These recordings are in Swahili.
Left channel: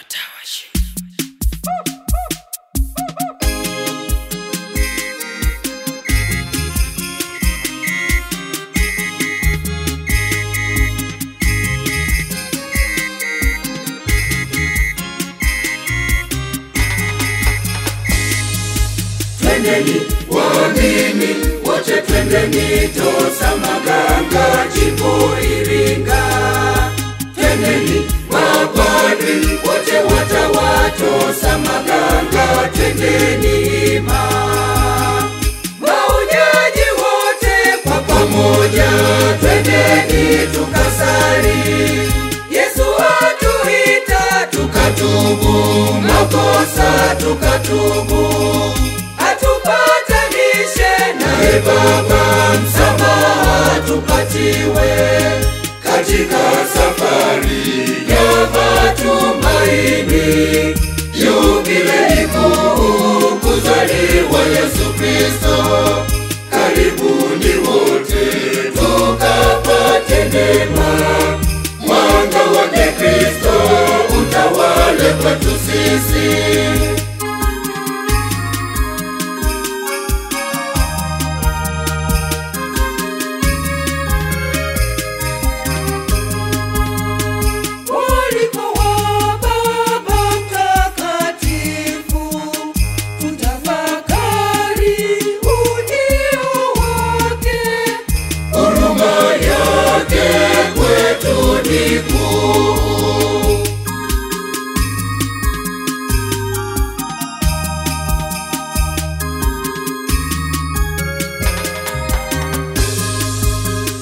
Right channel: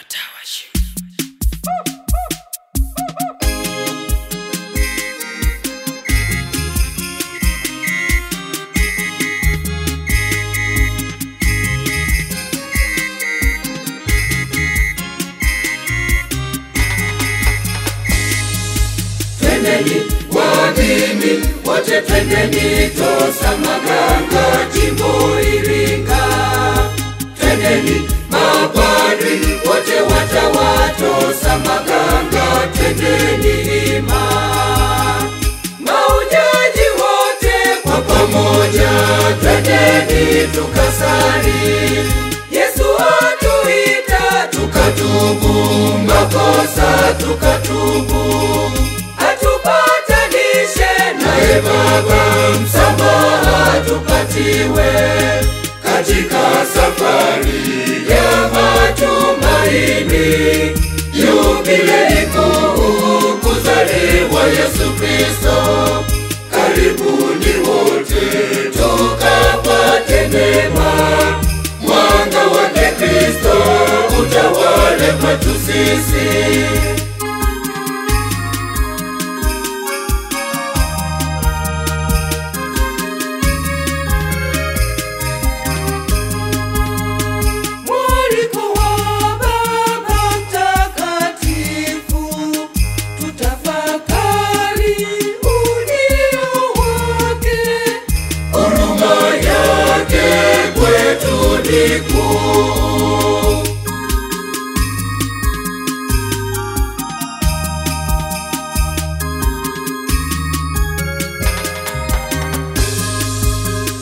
Watawashi. Twendeni waamini wote, twendeni Tosa Maganga jimbo Iringa. Twendeni mapadri wote watawa Tosa Maganga, twendeni hima. Mahujaji wote kwa pamoja, twendeni tukasali. Yesu atuita tukatubu makosa, tukatubu Baba, msamaha tupatiwe katika safari ya matumaini. Yubilei kuu kuzaliwa Yesu Kristo. Karibuni wote tukapate neema. Mwanga wa Kristo utawale kwetu sisi.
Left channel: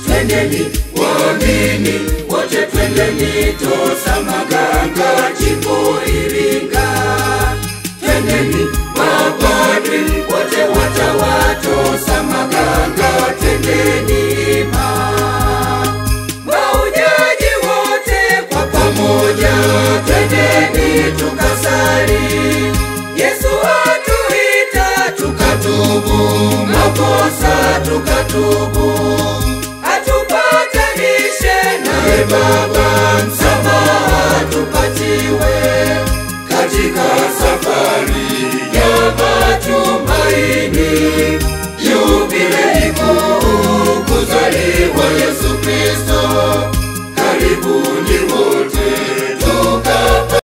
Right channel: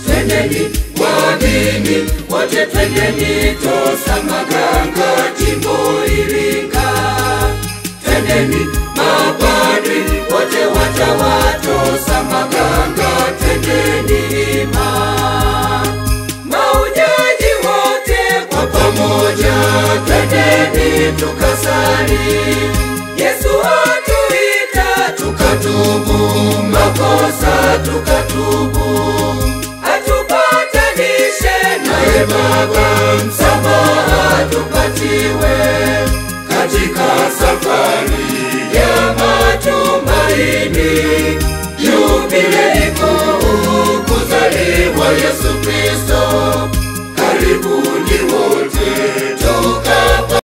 Twendeni waamini wote, twendeni Tosa Maganga jimbo Iringa. Twendeni mapadri wote watawa Tosa Maganga, twendeni hima. Mahujaji wote kwa pamoja, twendeni tukasali. Yesu atuita tukatubu makosa, tukatubu